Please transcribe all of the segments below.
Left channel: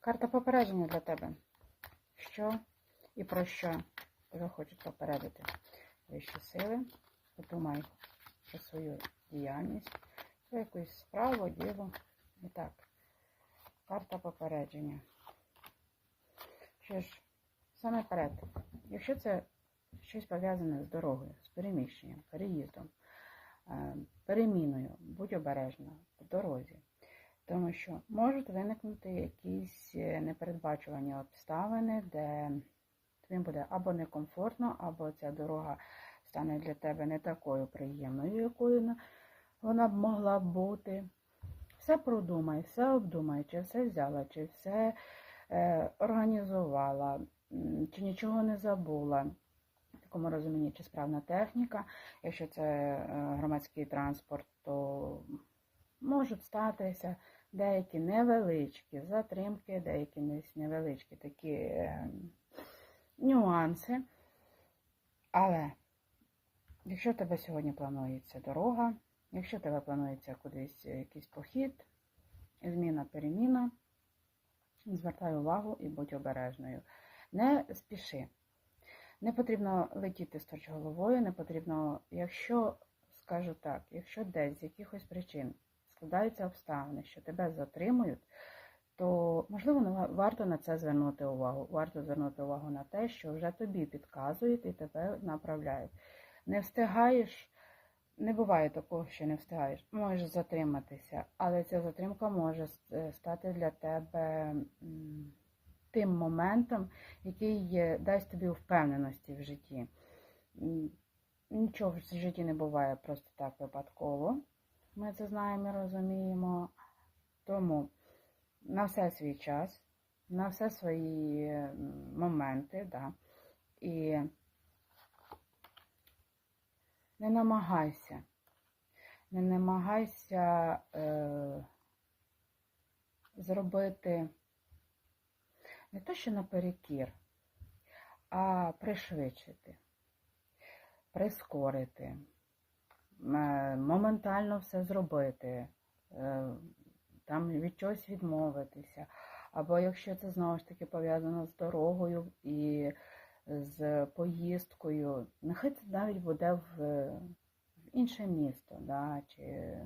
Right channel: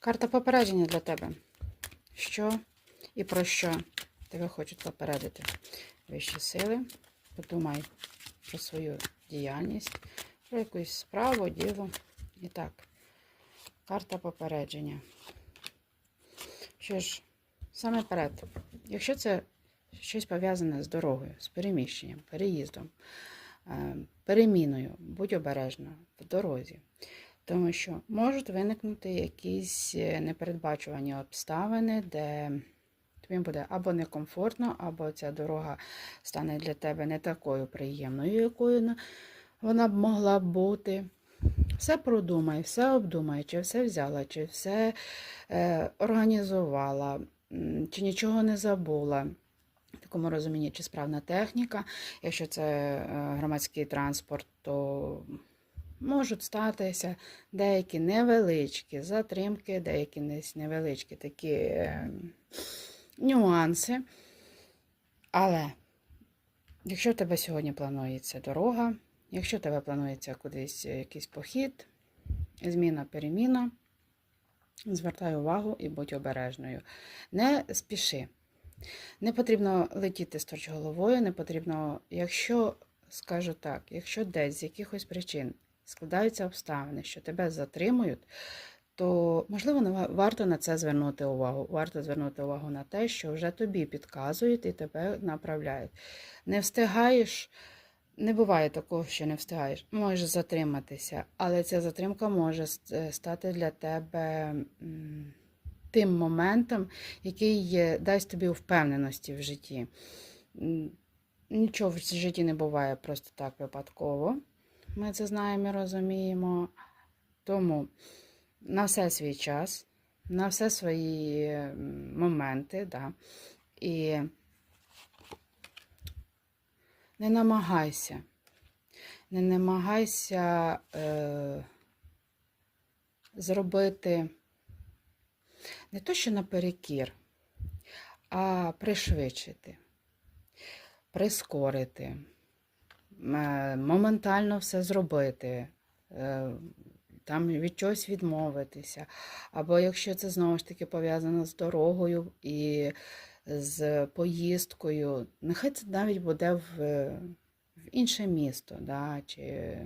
Карта попередження для тебе. Що і про що тебе хочуть попередити? Вищі сили. Подумай про свою діяльність, про якусь справу, діло. І так, карта попередження. Що ж, саме перед, якщо це щось пов'язане з дорогою, з переміщенням, переїздом, е, переміною, будь обережна в дорозі. Тому що можуть виникнути якісь е, непередбачувані обставини, де тобі буде або некомфортно, або ця дорога стане для тебе не такою приємною, якою вона б могла бути. Все продумай, все обдумай, чи все взяла, чи все е, організувала, чи нічого не забула. В такому розумінні, чи справна техніка. Якщо це е, громадський транспорт, то можуть статися деякі невеличкі затримки, деякі невеличкі такі е, нюанси. Але якщо в тебе сьогодні планується дорога, якщо в тебе планується кудись якийсь похід, зміна, переміна, звертай увагу і будь обережною. Не спіши. Не потрібно летіти сторч головою, не потрібно, якщо, скажу так, якщо десь з якихось причин складаються обставини, що тебе затримують, то можливо варто на це звернути увагу. Варто звернути увагу на те, що вже тобі підказують і тебе направляють. Не встигаєш, не буває такого, що не встигаєш. Можеш затриматися, але ця затримка може е, стати для тебе тим моментом, який дасть тобі впевненості в житті. Нічого в житті не буває просто так випадково. Ми це знаємо і розуміємо. Тому на все свій час, на все свої моменти, да. і не намагайся, не намагайся е, зробити не то, що наперекір, а пришвидшити, прискорити, моментально все зробити, е, там від чогось відмовитися. Або якщо це знову ж таки пов'язано з дорогою і з поїздкою, нехай це навіть буде в, в інше місто, да, чи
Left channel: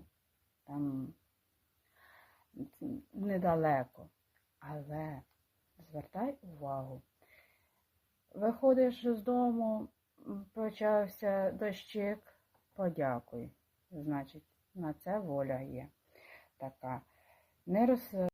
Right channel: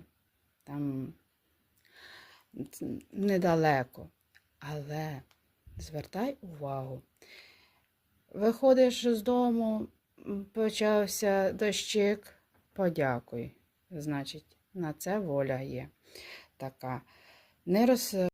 там недалеко. Але звертай увагу. Виходиш з дому, почався дощик, подякуй. Значить, на це воля є така. Не роз...